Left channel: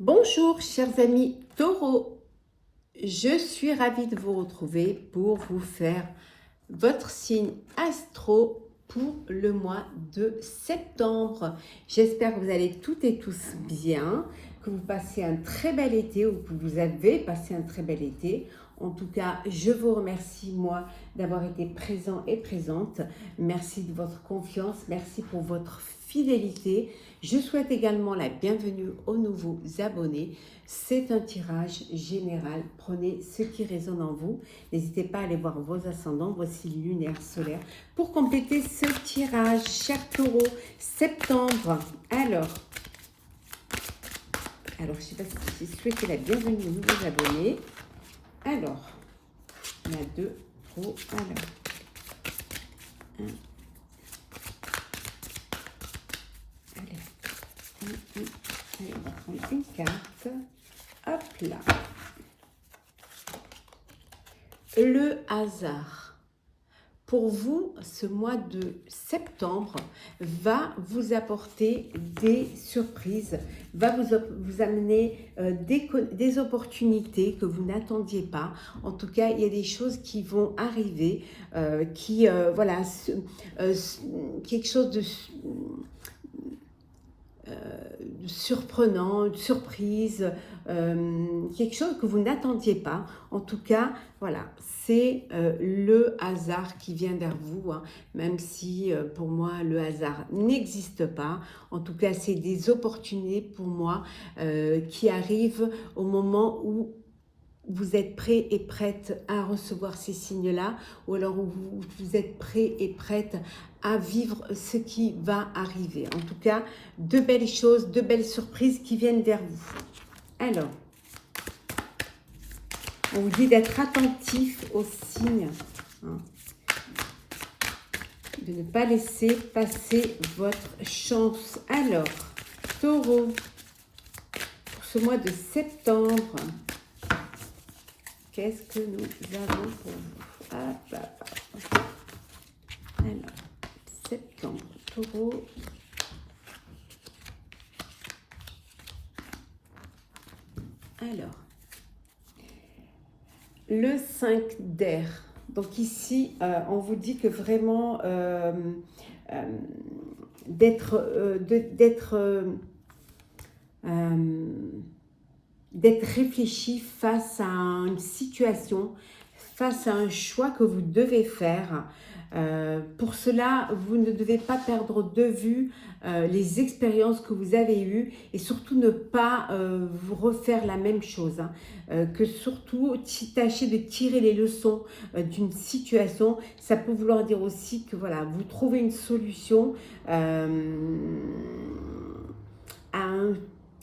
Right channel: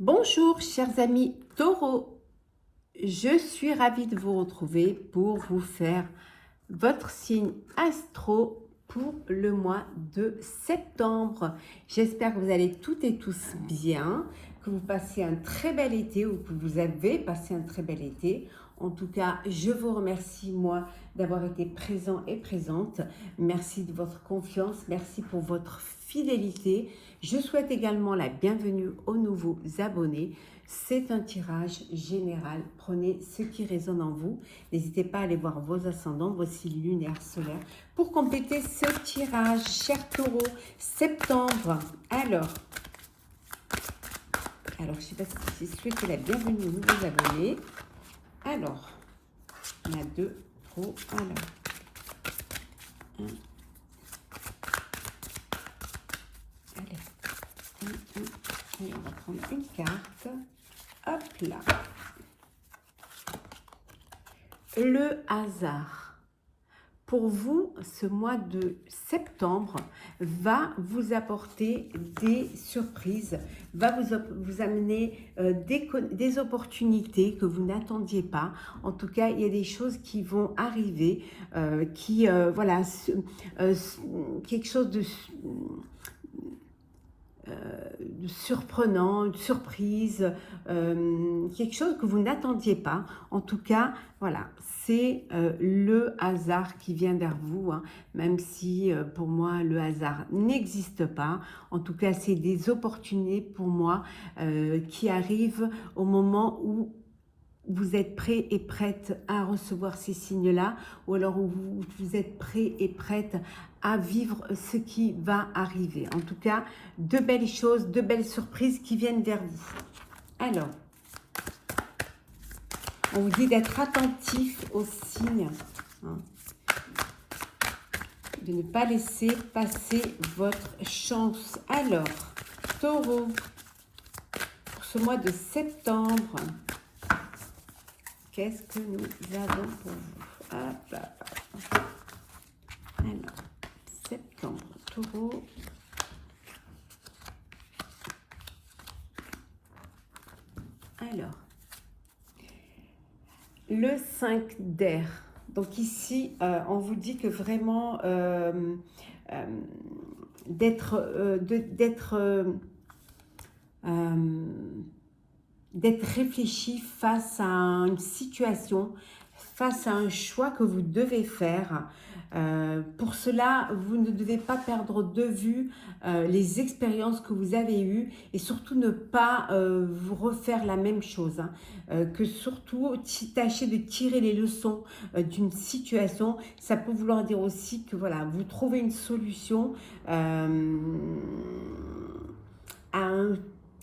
Bonjour chers amis taureaux, je suis ravie de vous retrouver pour vous faire votre signe astro pour le mois de septembre. J'espère que vous allez toutes et tous bien, que vous passez un très bel été ou que vous avez passé un très bel été. En tout cas, je vous remercie, moi, d'avoir été présent et présente. Merci de votre confiance, merci pour votre fidélité. Je souhaite également la bienvenue aux nouveaux abonnés. C'est un tirage général. Prenez ce qui résonne en vous. N'hésitez pas à aller voir vos ascendants, vos signes lunaires, solaires pour compléter ce tirage. Chers taureaux, septembre. Alors, je ne sais pas si je souhaite la bienvenue aux nouveaux abonnés. Alors, on a deux pour alors. Allez, on va prendre une carte. Hop là. Le hasard. Pour vous, ce mois de septembre va vous apporter des surprises, va vous amener des opportunités que vous n'attendiez pas. En tout cas, il y a des choses qui vont arriver, voilà, quelque chose de surprenant, une surprise, quelque chose que vous n'attendiez pas. En tout cas, voilà, c'est le hasard qui vient vers vous, hein, même si pour moi le hasard n'existe pas. En tout cas, c'est des opportunités pour moi qui arrivent au moment où vous êtes prêt et prête à recevoir ces signes-là, ou alors où vous êtes prêt et prête à vivre ce qui va arriver. En tout cas, de belles choses, de belles surprises qui viennent vers vous. Alors, on vous dit d'être attentif aux signes, hein, de ne pas laisser passer votre chance. Alors, taureau, pour ce mois de septembre, qu'est-ce que nous avons pour vous? Hop là. Alors, septembre, taureau. Alors, le 5 d'air. Donc ici, on vous dit que vraiment d'être réfléchi face à une situation, face à un choix que vous devez faire. Pour cela, vous ne devez pas perdre de vue les expériences que vous avez eues et surtout ne pas vous refaire la même chose. Hein. Que surtout tâcher de tirer les leçons d'une situation. Ça peut vouloir dire aussi que voilà, vous trouvez une solution à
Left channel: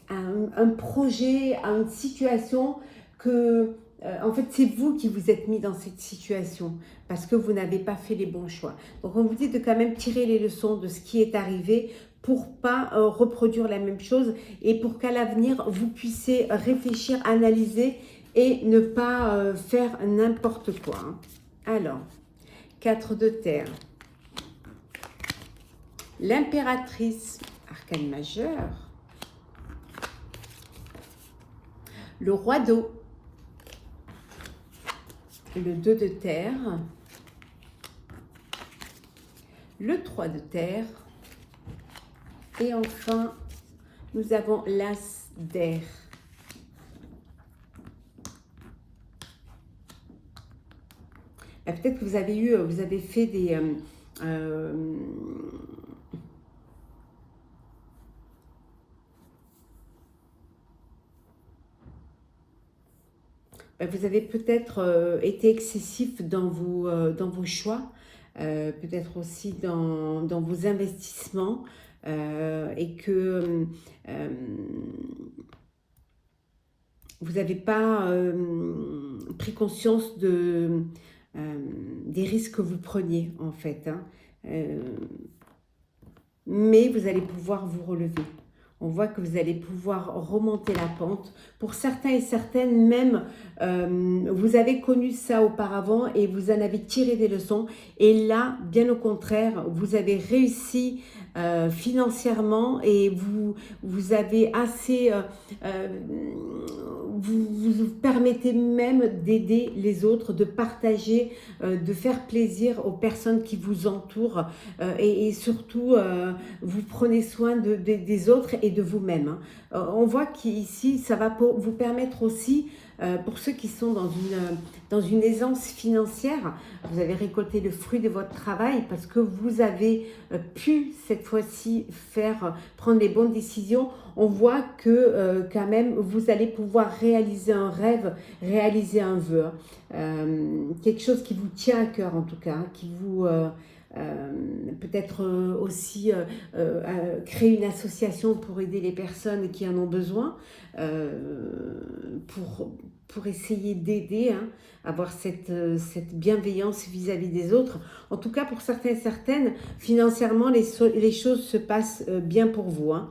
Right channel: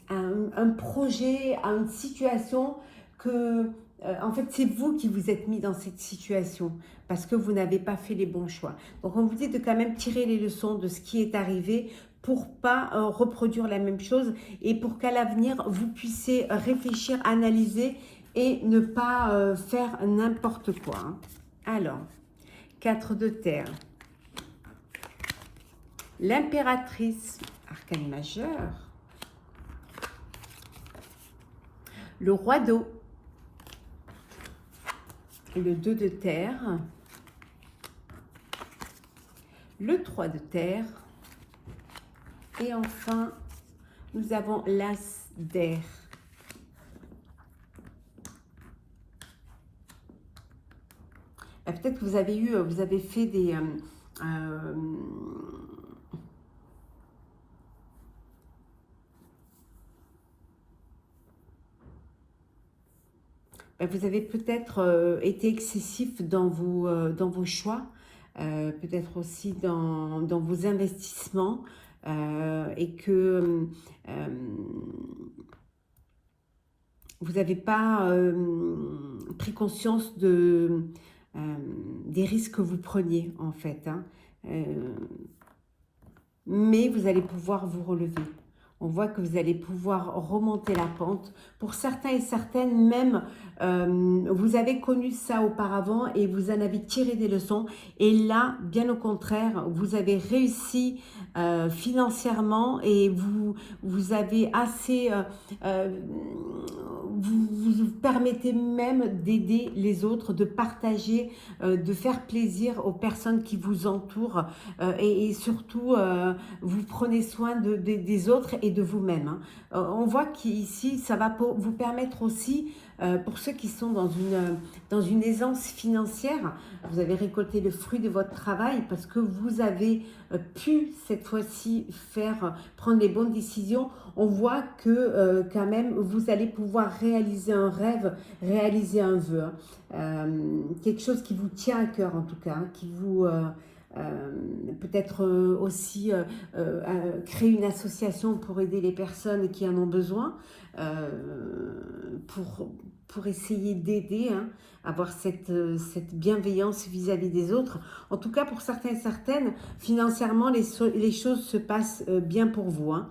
un projet, à une situation que, en fait, c'est vous qui vous êtes mis dans cette situation parce que vous n'avez pas fait les bons choix. Donc, on vous dit de quand même tirer les leçons de ce qui est arrivé pour pas reproduire la même chose et pour qu'à l'avenir, vous puissiez réfléchir, analyser et ne pas faire n'importe quoi. Hein. Alors, 4 de terre. L'impératrice, arcane majeur. Le roi d'eau, le 2 de terre, le 3 de terre, et enfin, nous avons l'as d'air. Peut-être que vous avez fait des... vous avez peut-être été excessif dans vos choix, peut-être aussi dans vos investissements, et que vous n'avez pas pris conscience des risques que vous preniez en fait. Hein. Mais vous allez pouvoir vous relever. On voit que vous allez pouvoir remonter la pente. Pour certains et certaines, même, vous avez connu ça auparavant et vous en avez tiré des leçons. Et là, bien au contraire, vous avez réussi financièrement et vous avez assez... vous permettez même d'aider les autres, de partager, de faire plaisir aux personnes qui vous entourent et surtout vous prenez soin des autres et de vous-même. Hein. On voit qu'ici, ça va vous permettre aussi, pour ceux qui sont dans une aisance financière, vous avez récolté le fruit de votre travail parce que vous avez pu cette fois-ci prendre les bonnes décisions. On voit que quand même, vous allez pouvoir réaliser un rêve, réaliser un vœu. Quelque chose qui vous tient à cœur en tout cas, hein, qui vous... peut-être aussi créer une association pour aider les personnes qui en ont besoin, pour essayer d'aider, hein, avoir cette bienveillance vis-à-vis des autres. En tout cas, pour certains et certaines, financièrement, les choses se passent bien pour vous. Hein.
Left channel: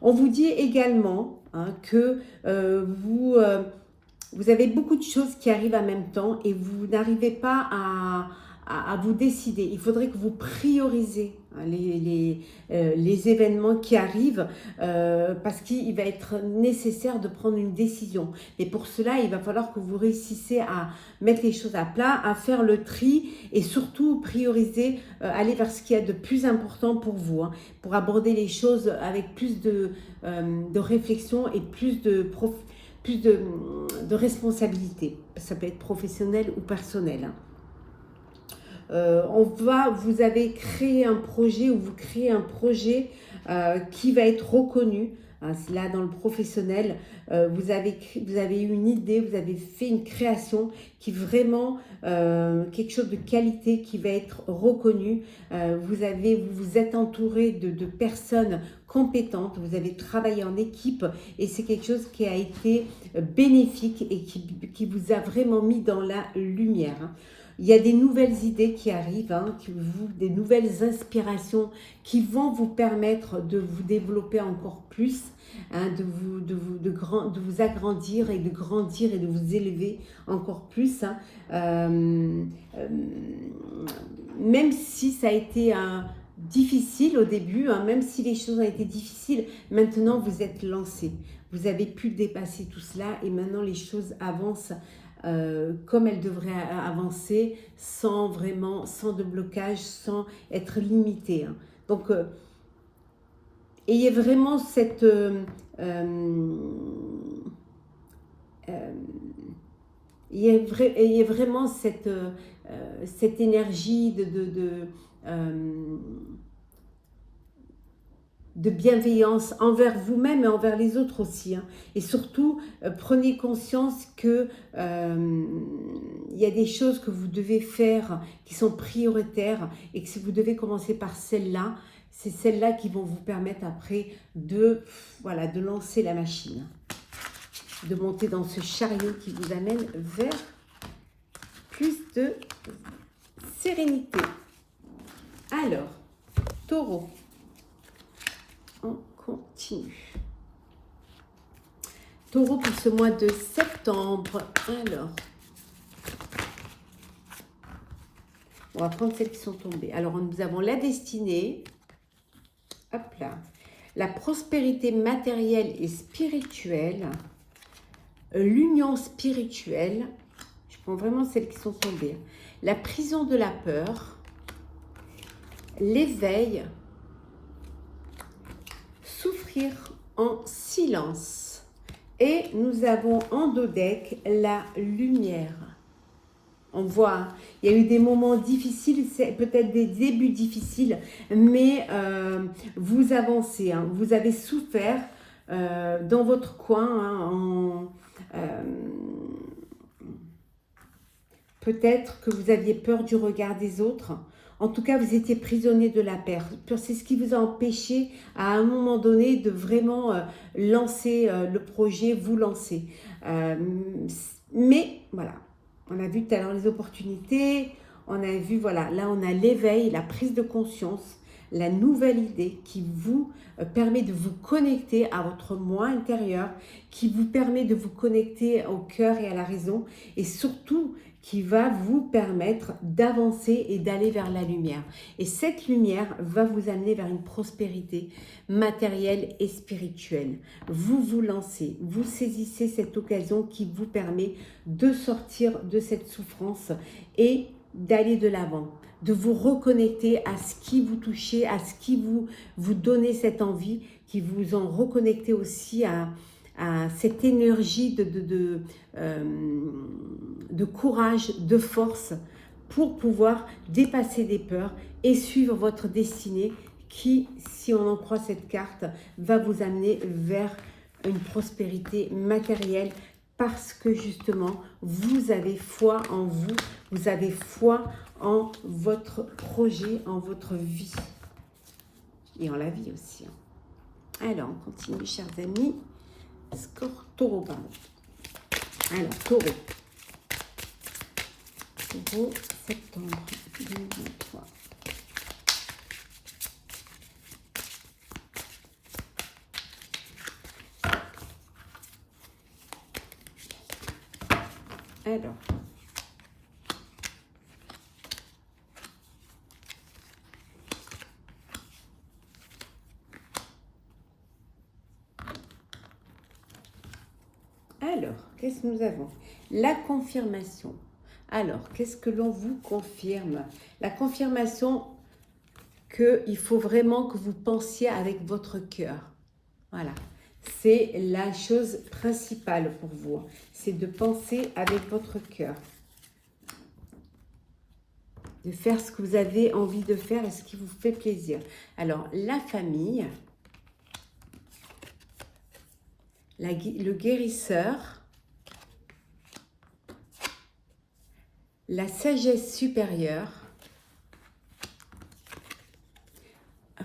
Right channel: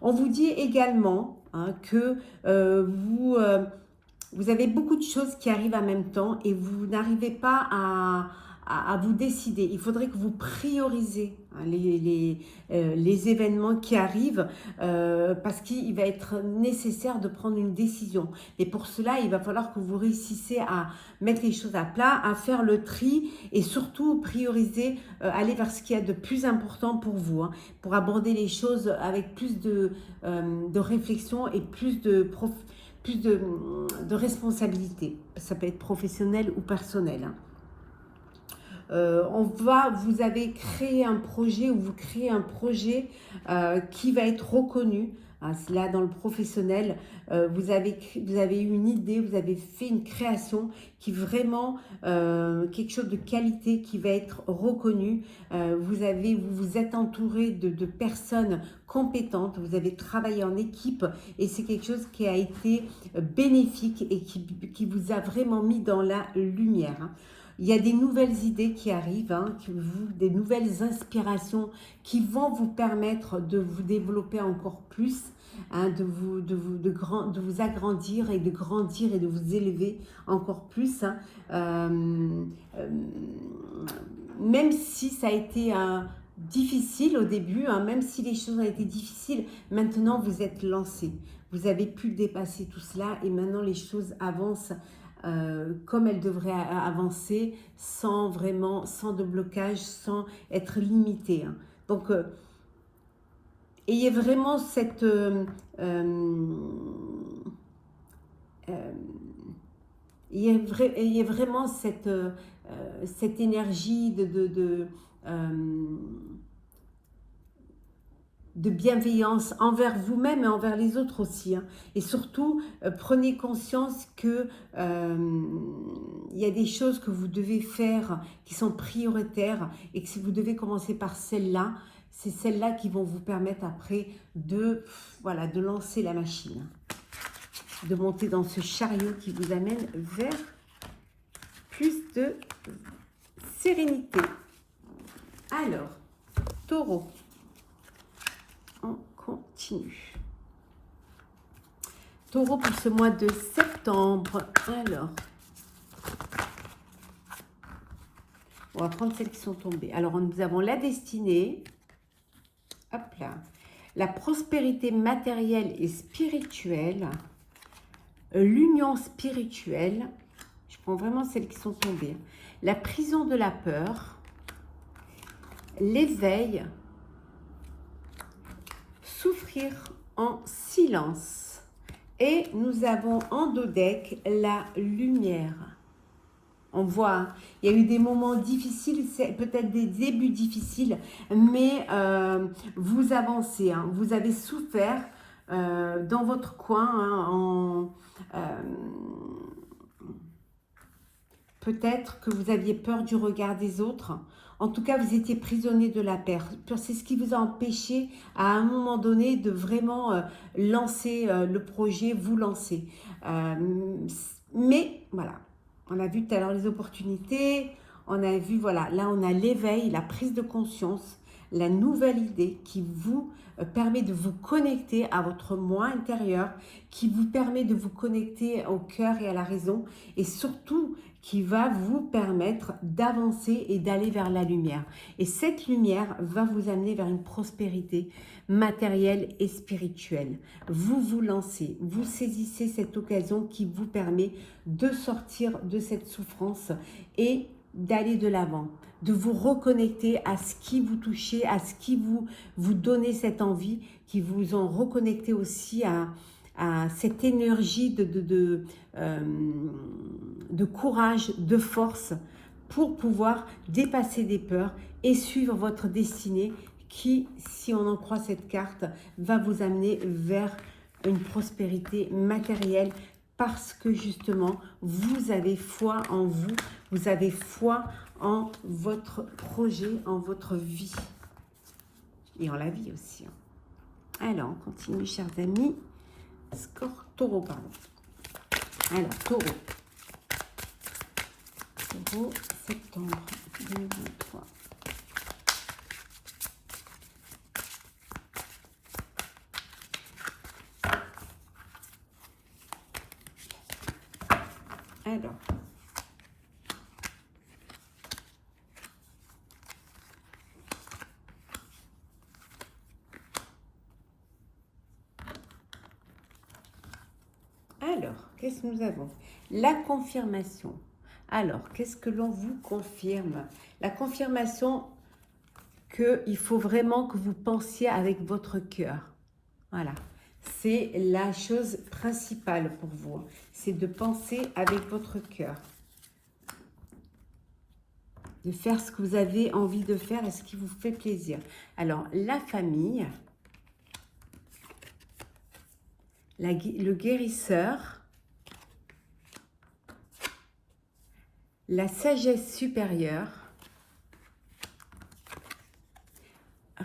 On vous dit également hein, que vous avez beaucoup de choses qui arrivent en même temps et vous n'arrivez pas à vous décider. Il faudrait que vous priorisez hein, les événements qui arrivent parce qu'il va être nécessaire de prendre une décision. Et pour cela, il va falloir que vous réussissiez à mettre les choses à plat, à faire le tri et surtout prioriser, aller vers ce qu'il y a de plus important pour vous, hein, pour aborder les choses avec plus de réflexion et plus de responsabilité. Ça peut être professionnel ou personnel. Hein. Vous avez créé un projet ou vous créez un projet qui va être reconnu. Hein, là, dans le professionnel, vous avez eu une idée, vous avez fait une création qui est vraiment quelque chose de qualité qui va être reconnu. Vous vous êtes entouré de personnes compétentes, vous avez travaillé en équipe et c'est quelque chose qui a été bénéfique et qui vous a vraiment mis dans la lumière. Hein. Il y a des nouvelles idées qui arrivent, hein, des nouvelles inspirations qui vont vous permettre de vous développer encore plus, hein, de vous agrandir et de grandir et de vous élever encore plus. Hein. Même si ça a été difficile au début, hein, même si les choses ont été difficiles, maintenant vous êtes lancé. Vous avez pu dépasser tout cela et maintenant les choses avancent comme elles devraient avancer sans de blocage, sans être limité. Hein. Donc, ayez vraiment ayez vraiment cette énergie de bienveillance envers vous-même et envers les autres aussi. Hein. Et surtout, prenez conscience que il y a des choses que vous devez faire qui sont prioritaires et que si vous devez commencer par celles-là, c'est celles-là qui vont vous permettre après de lancer la machine, de monter dans ce chariot qui vous amène vers plus de sérénité. Alors, Taureau. On continue. Taureau pour ce mois de septembre. Alors, on va prendre celles qui sont tombées. Alors, nous avons la destinée. Hop là. La prospérité matérielle et spirituelle. L'union spirituelle. Je prends vraiment celles qui sont tombées. La prison de la peur. L'éveil. Souffrir en silence. Et nous avons en dos deck la lumière. On voit, il y a eu des moments difficiles, c'est peut-être des débuts difficiles, mais vous avancez. Hein, vous avez souffert dans votre coin. Hein, peut-être que vous aviez peur du regard des autres. En tout cas, vous étiez prisonnier de la peur. C'est ce qui vous a empêché, à un moment donné, de vraiment lancer le projet, vous lancer. Mais, voilà, on a vu tout à l'heure les opportunités, on a vu, voilà, là, on a l'éveil, la prise de conscience. la nouvelle idée qui vous permet de vous connecter à votre moi intérieur, qui vous permet de vous connecter au cœur et à la raison, et surtout qui va vous permettre d'avancer et d'aller vers la lumière. Et cette lumière va vous amener vers une prospérité matérielle et spirituelle. Vous vous lancez, vous saisissez cette occasion qui vous permet de sortir de cette souffrance et d'aller de l'avant, de vous reconnecter à ce qui vous touchez, à ce qui vous donnez cette envie, qui vous en reconnectez aussi à cette énergie de courage, de force pour pouvoir dépasser des peurs et suivre votre destinée qui, si on en croit cette carte, va vous amener vers une prospérité matérielle parce que justement, vous avez foi en vous, vous avez foi en votre projet, en votre vie et en la vie aussi. Alors, on continue, chers amis. Score taureau, pardon. Alors, taureau. Taureau, septembre 2023. Alors, qu'est-ce que nous avons? La confirmation. Alors, qu'est-ce que l'on vous confirme? La confirmation qu'il faut vraiment que vous pensiez avec votre cœur. Voilà. C'est la chose principale pour vous. C'est de penser avec votre cœur. De faire ce que vous avez envie de faire et ce qui vous fait plaisir. Alors, la famille, le guérisseur, la sagesse supérieure,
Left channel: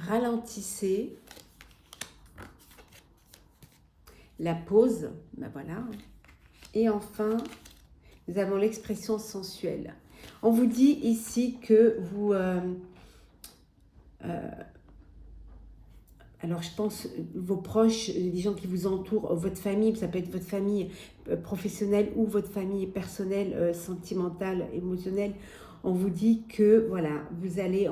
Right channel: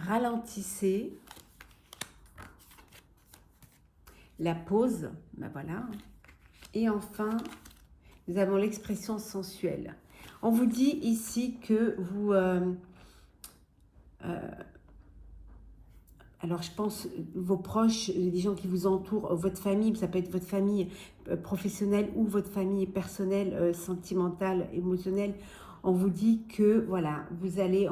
ralentissez, la pause, ben voilà, et enfin, nous avons l'expression sensuelle. On vous dit ici que vous... alors, je pense, vos proches, les gens qui vous entourent, votre famille, ça peut être votre famille professionnelle ou votre famille personnelle, sentimentale, émotionnelle. On vous dit que, voilà, vous allez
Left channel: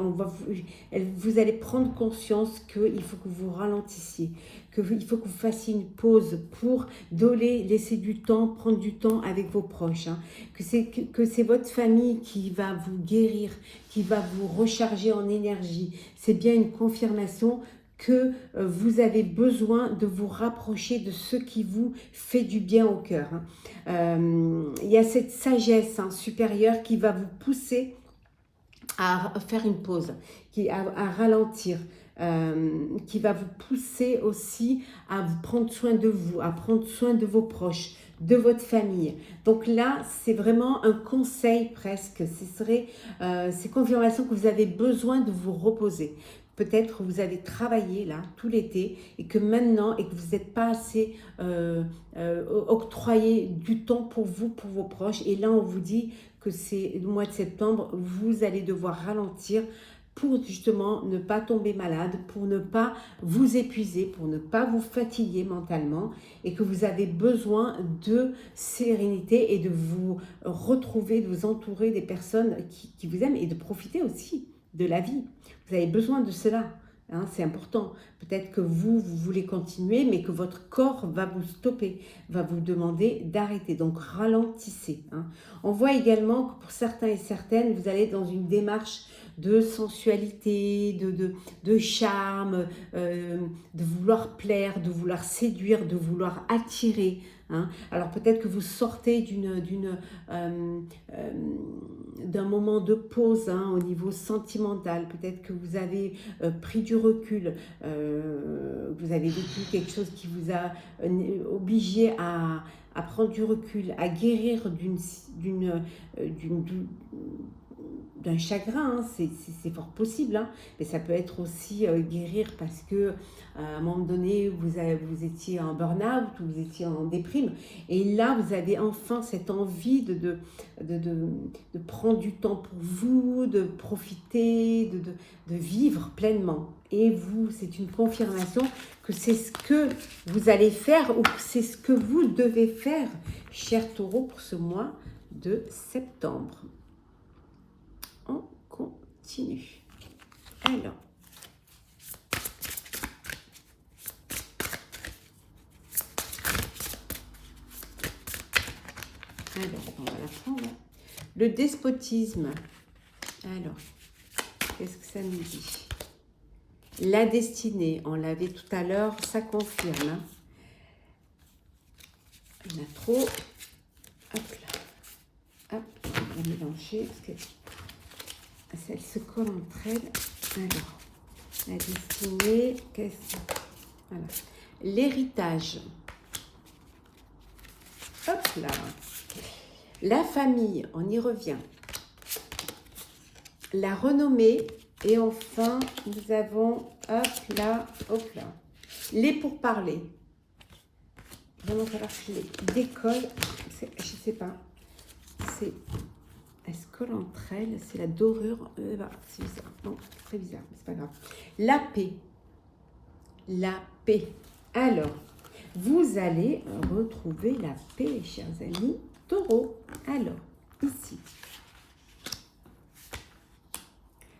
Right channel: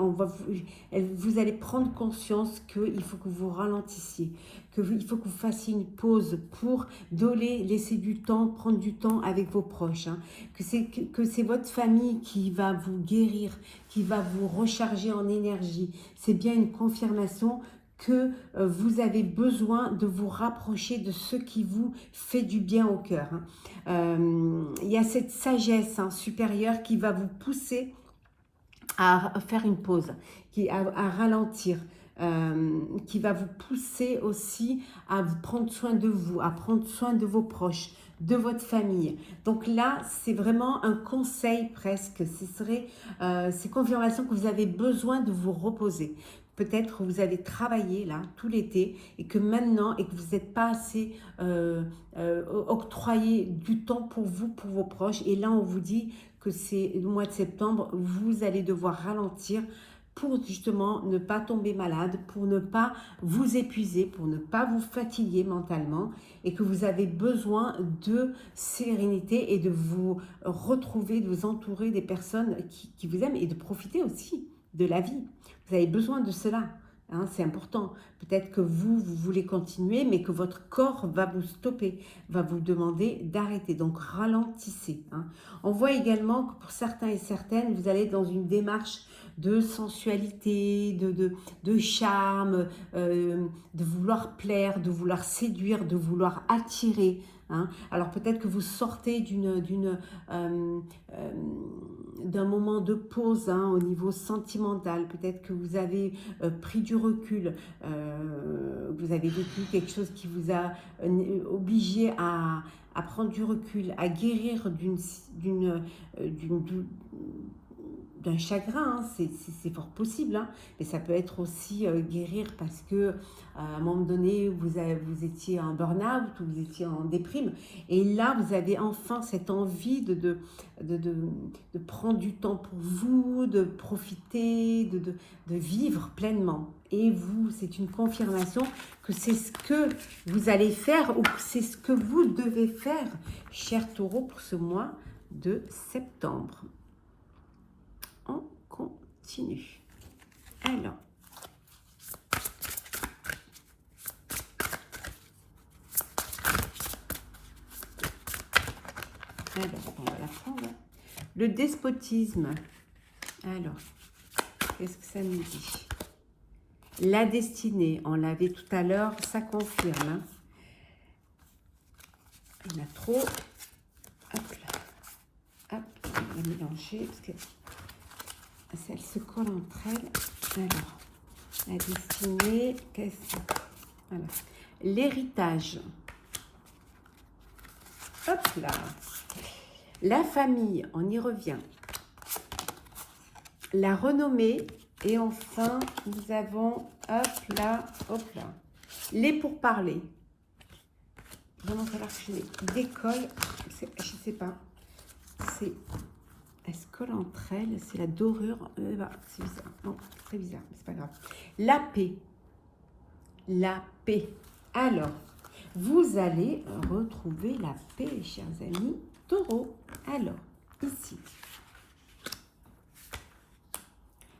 prendre conscience qu'il faut que vous ralentissiez, qu'il faut que vous fassiez une pause pour laisser du temps, prendre du temps avec vos proches. Hein, que c'est votre famille qui va vous guérir, qui va vous recharger en énergie. C'est bien une confirmation que vous avez besoin de vous rapprocher de ce qui vous fait du bien au cœur. Il y a cette sagesse supérieure qui va vous pousser à faire une pause, à ralentir, qui va vous pousser aussi à vous prendre soin de vous, à prendre soin de vos proches, de votre famille. Donc là, c'est vraiment un conseil presque. C'est confirmation que vous avez besoin de vous reposer. Peut-être que vous avez travaillé là tout l'été et que maintenant, et que vous n'êtes pas assez octroyé du temps pour vous, pour vos proches. Et là, on vous dit que c'est le mois de septembre, vous allez devoir ralentir pour justement ne pas tomber malade, pour ne pas vous épuiser, pour ne pas vous fatiguer mentalement et que vous avez besoin de sérénité et de vous retrouver, de vous entourer des personnes qui vous aiment et de profiter aussi de la vie. Vous avez besoin de cela, hein, c'est important. Peut-être que vous voulez continuer, mais que votre corps va vous stopper, va vous demander d'arrêter. Donc ralentissez. Hein. On voit également que pour certains et certaines, vous allez dans une démarche de sensualité, de charme, de vouloir plaire, de vouloir séduire, de vouloir attirer. Hein. Alors peut-être que vous sortez d'un moment de pause au niveau sentimental, peut-être que vous avez pris du recul, vous avez vécu quelque chose qui vous a obligé à prendre du recul, à guérir d'un chagrin, hein, c'est fort possible, hein, mais ça peut être aussi guérir parce que à un moment donné, vous étiez en burn-out ou vous étiez en déprime, et là, vous avez enfin cette envie de, de, de prendre du temps pour vous, de profiter, de vivre pleinement. Et vous, c'est une confirmation que c'est ce que vous allez faire ou que c'est ce que vous devez faire, cher Taureau, pour ce mois de septembre. On continue. Alors, on va la prendre. Le despotisme. Alors, qu'est-ce que ça nous dit? La destinée, on l'avait tout à l'heure, ça confirme. Hein. Il y en a trop. Hop là. Hop, on va mélanger parce que elles se collent entre elles. Alors, la destinée, qu'est-ce que... Voilà. L'héritage. Hop là. La famille, on y revient. La renommée. Et enfin, nous avons, hop là, les pourparlers. Bon, ça va falloir que je les décolle. Je sais pas. Elles se collent entre elles. C'est la dorure. C'est bizarre. Bon, très bizarre, mais c'est pas grave. La paix. La paix. Alors, vous allez retrouver la paix, chers amis Taureau. Alors, ici.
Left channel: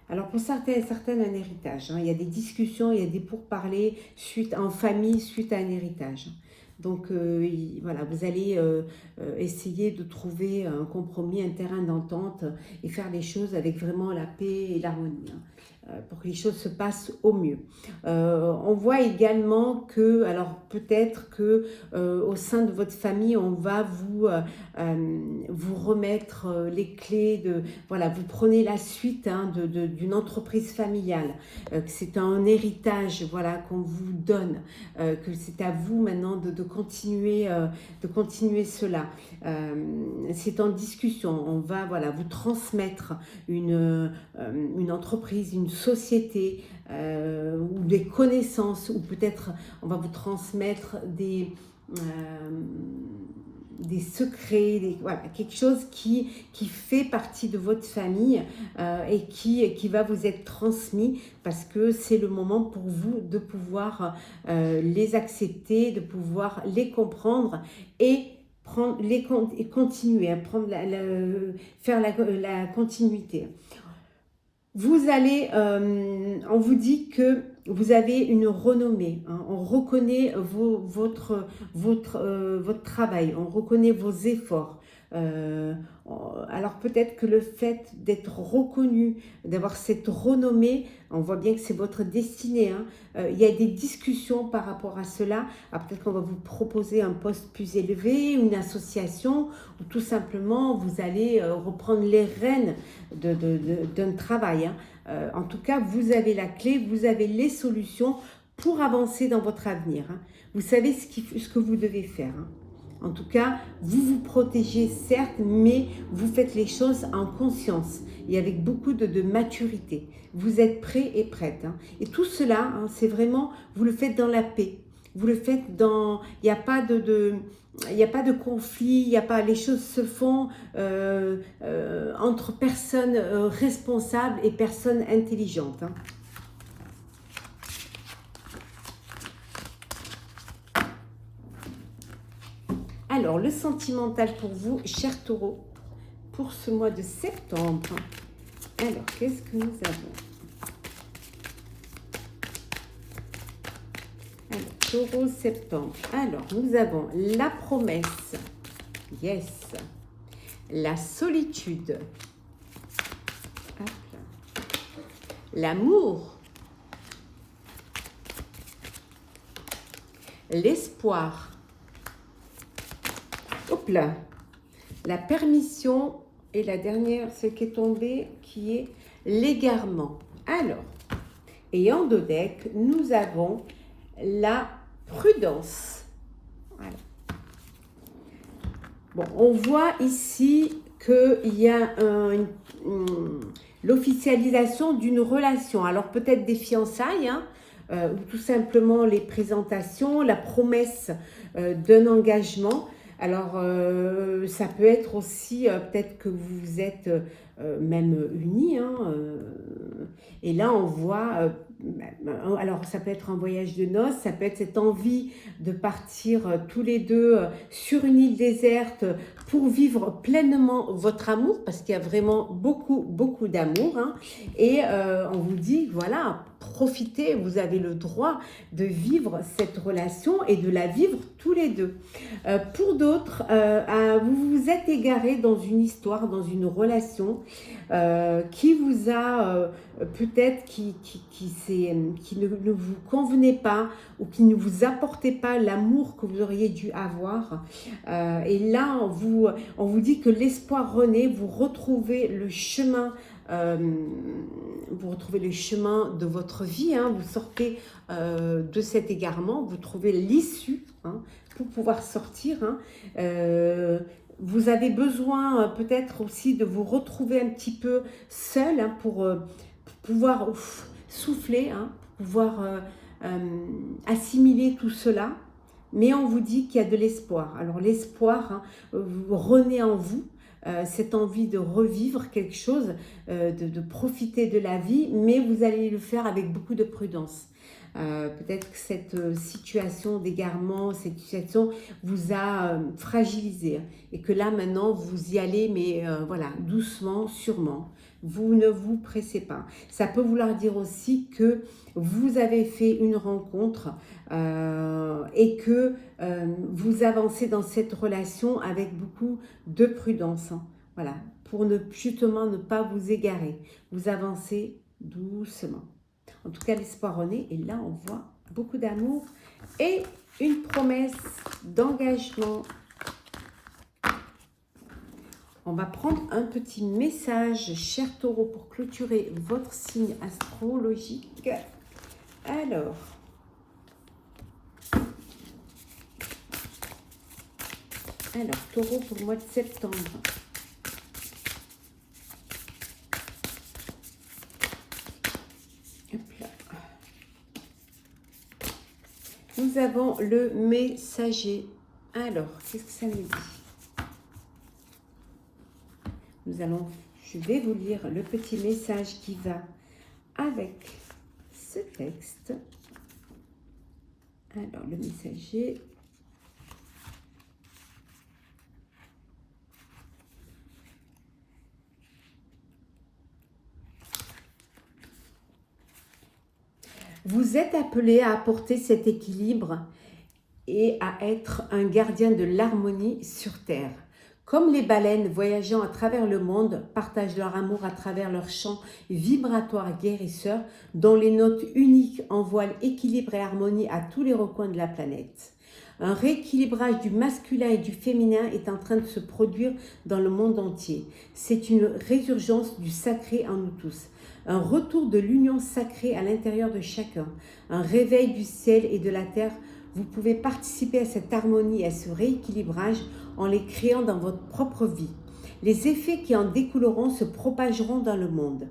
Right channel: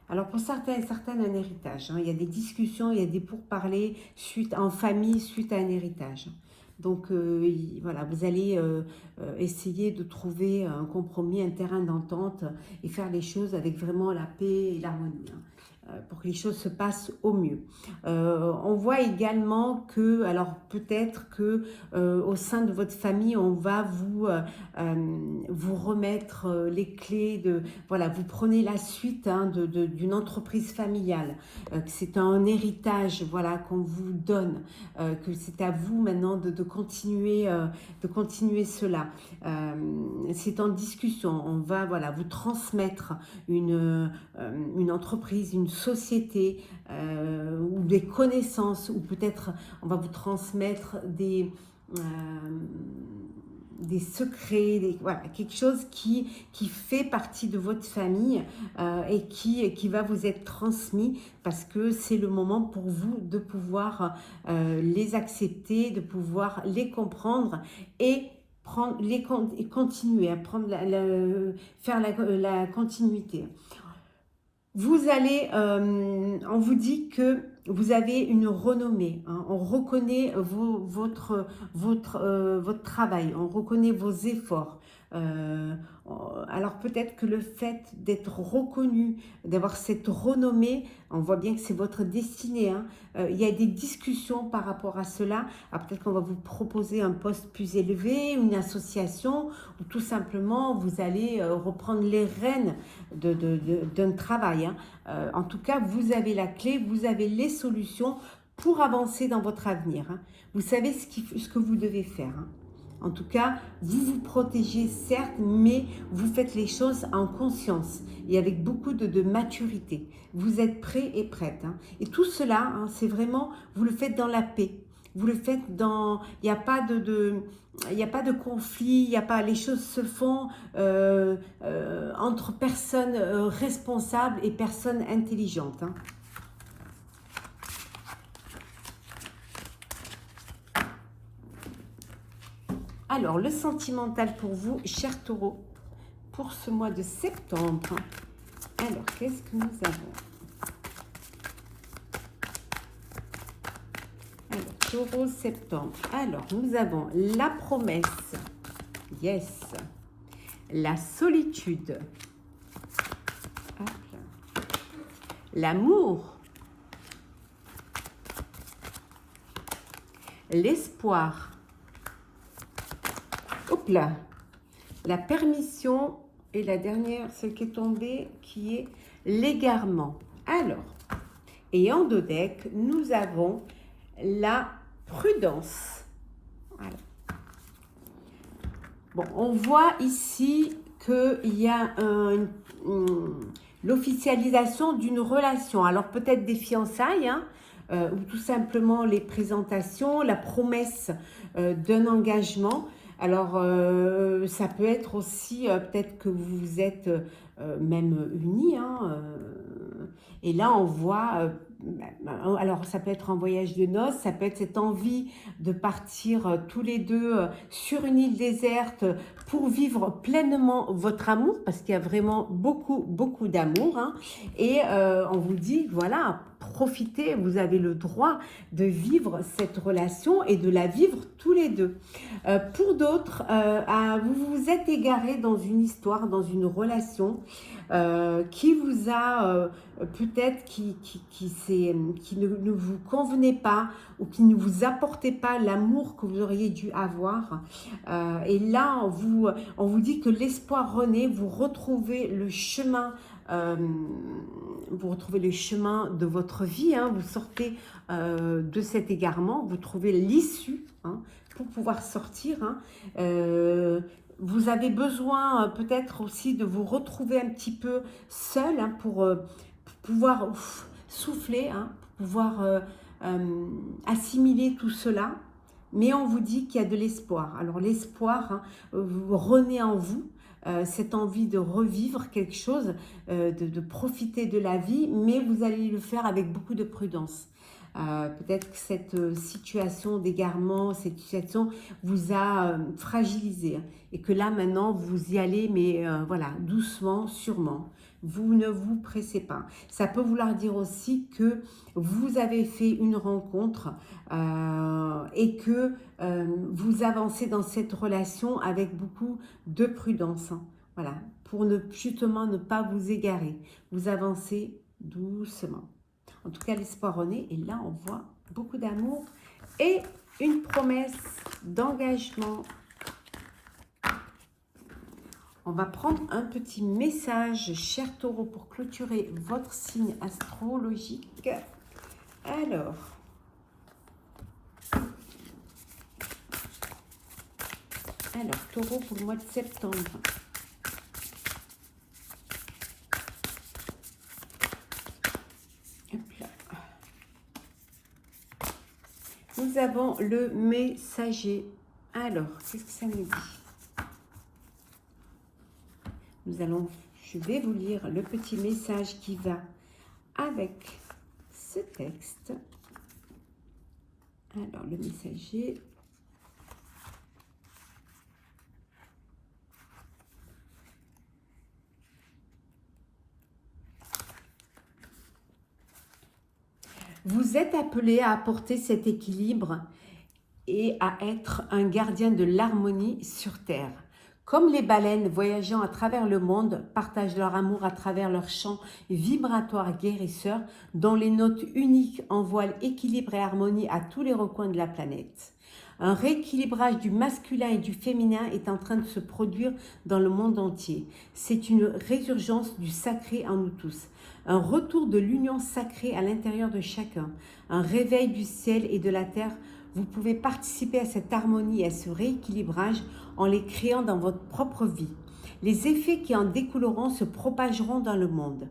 Alors, pour certains et certaines, un héritage. Hein. Il y a des discussions, il y a des pourparlers en famille suite à un héritage. Donc, voilà, vous allez essayer de trouver un compromis, un terrain d'entente et faire les choses avec vraiment la paix et l'harmonie. Hein, pour que les choses se passent au mieux. On voit également que, alors peut-être que au sein de votre famille, on va vous remettre les clés de, voilà, vous prenez la suite hein, d'une entreprise familiale, que c'est un héritage, voilà, qu'on vous donne, que c'est à vous maintenant de continuer cela. C'est en discussion, on va, voilà, vous transmettre une entreprise, une société ou des connaissances, ou peut-être on va vous transmettre des secrets, voilà, quelque chose qui fait partie de votre famille et qui va vous être transmis parce que c'est le moment pour vous de pouvoir les accepter, de pouvoir les comprendre et continuer à faire la continuité. Vous allez, on vous dit que vous avez une renommée, hein, on reconnaît votre travail, on reconnaît vos efforts. Alors peut-être que le fait d'être reconnu, d'avoir cette renommée, on voit bien que c'est votre destinée. Hein. Il y a des discussions par rapport à cela. Peut-être qu'on va vous proposer un poste plus élevé, une association, ou tout simplement vous allez reprendre les rênes d'un travail. Hein. En tout cas, vous avez la clé, vous avez les solutions pour avancer dans votre avenir. Hein. Vous savez ce que vous devez faire. Hein. En tout cas, vous vous protégez certes, mais vous faites les choses en conscience et avec beaucoup de maturité. Vous êtes prêt et prête. Hein. Et tout cela, hein, c'est vraiment, vous le faites dans la paix. Vous le faites dans, il n'y a pas il n'y a pas de conflit, il y a pas, les choses se font entre personnes responsables et personnes intelligentes. Hein. Alors, le sentimental pour vous, cher Taureau, pour ce mois de septembre. Alors, qu'est-ce que nous avons? Alors, Taureau, septembre. Alors, nous avons la promesse. Yes. La solitude. L'amour. L'espoir. Hop là. La permission. Et la dernière, celle qui est tombée, qui est l'égarement. Alors, et en dos deck, nous avons la prudence. Voilà. Bon, on voit ici qu'il y a l'officialisation d'une relation. Alors peut-être des fiançailles, hein, ou tout simplement les présentations, la promesse d'un engagement. Alors ça peut être aussi peut-être que vous êtes même unis, hein, et là on voit, alors ça peut être un voyage de noces, ça peut être cette envie de partir tous les deux sur une île déserte pour vivre pleinement votre amour, parce qu'il y a vraiment beaucoup d'amour, hein, et on vous dit, voilà, profitez, vous avez le droit de vivre cette relation et de la vivre tous les deux. Pour d'autres, vous vous êtes égaré dans une histoire, dans une relation qui vous a peut-être qui ne vous convenait pas ou qui ne vous apportait pas l'amour que vous auriez dû avoir. Et là, on vous dit que l'espoir renaît, vous retrouvez le chemin. Vous retrouvez le chemin de votre vie, hein, vous sortez de cet égarement, vous trouvez l'issue, hein, pour pouvoir sortir. Hein. Vous avez besoin peut-être aussi de vous retrouver un petit peu seul, hein, pour pouvoir souffler, hein, pour pouvoir assimiler tout cela. Mais on vous dit qu'il y a de l'espoir. Alors l'espoir, hein, renaît en vous. Cette envie de revivre quelque chose, de profiter de la vie, mais vous allez le faire avec beaucoup de prudence. Peut-être que cette situation d'égarement, cette situation vous a fragilisé, et que là maintenant vous y allez, mais voilà, doucement, sûrement. Vous ne vous pressez pas. Ça peut vouloir dire aussi que vous avez fait une rencontre et que vous avancez dans cette relation avec beaucoup de prudence. Hein. Voilà, pour justement ne pas vous égarer. Vous avancez doucement. En tout cas, l'espoir renaît. Et là, on voit beaucoup d'amour et une promesse d'engagement. On va prendre un petit message, cher Taureau, pour clôturer votre signe astrologique. Alors, Taureau pour le mois de septembre. Hop là. Nous avons le messager. Alors, qu'est-ce que ça nous dit? Je vais vous lire le petit message qui va avec ce texte. Alors, le messager. Vous êtes appelé à apporter cet équilibre et à être un gardien de l'harmonie sur Terre. Comme les baleines voyageant à travers le monde partagent leur amour à travers leur chant vibratoire guérisseur, dont les notes uniques envoient équilibre et harmonie à tous les recoins de la planète. Un rééquilibrage du masculin et du féminin est en train de se produire dans le monde entier. C'est une résurgence du sacré en nous tous. Un retour de l'union sacrée à l'intérieur de chacun. Un réveil du ciel et de la terre. Vous pouvez participer à cette harmonie et à ce rééquilibrage en les créant dans votre propre vie. Les effets qui en découleront se propageront dans le monde.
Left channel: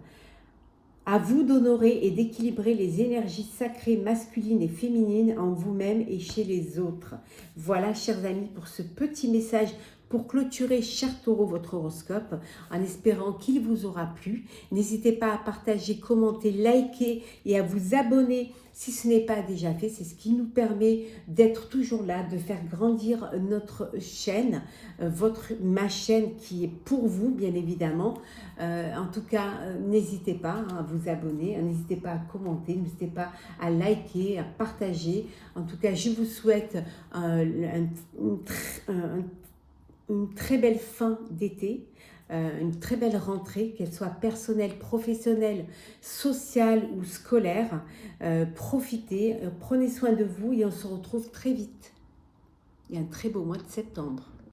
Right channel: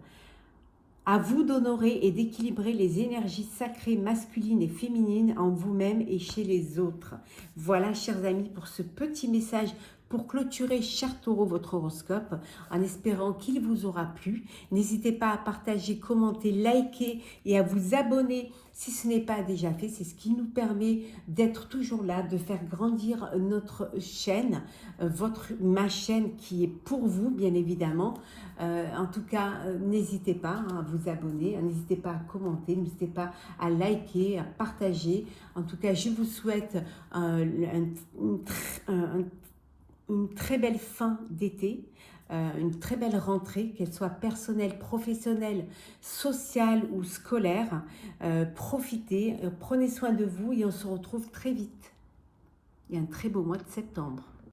À vous d'honorer et d'équilibrer les énergies sacrées masculines et féminines en vous-même et chez les autres. Voilà, chers amis, pour ce petit message pour clôturer, cher Taureau, votre horoscope, en espérant qu'il vous aura plu. N'hésitez pas à partager, commenter, liker et à vous abonner si ce n'est pas déjà fait. C'est ce qui nous permet d'être toujours là, de faire grandir notre chaîne, ma chaîne qui est pour vous, bien évidemment. En tout cas, n'hésitez pas à vous abonner, n'hésitez pas à commenter, n'hésitez pas à liker, à partager. En tout cas, je vous souhaite une très belle fin d'été, une très belle rentrée, qu'elle soit personnelle, professionnelle, sociale ou scolaire. Profitez, prenez soin de vous et on se retrouve très vite. Il y a un très beau mois de septembre.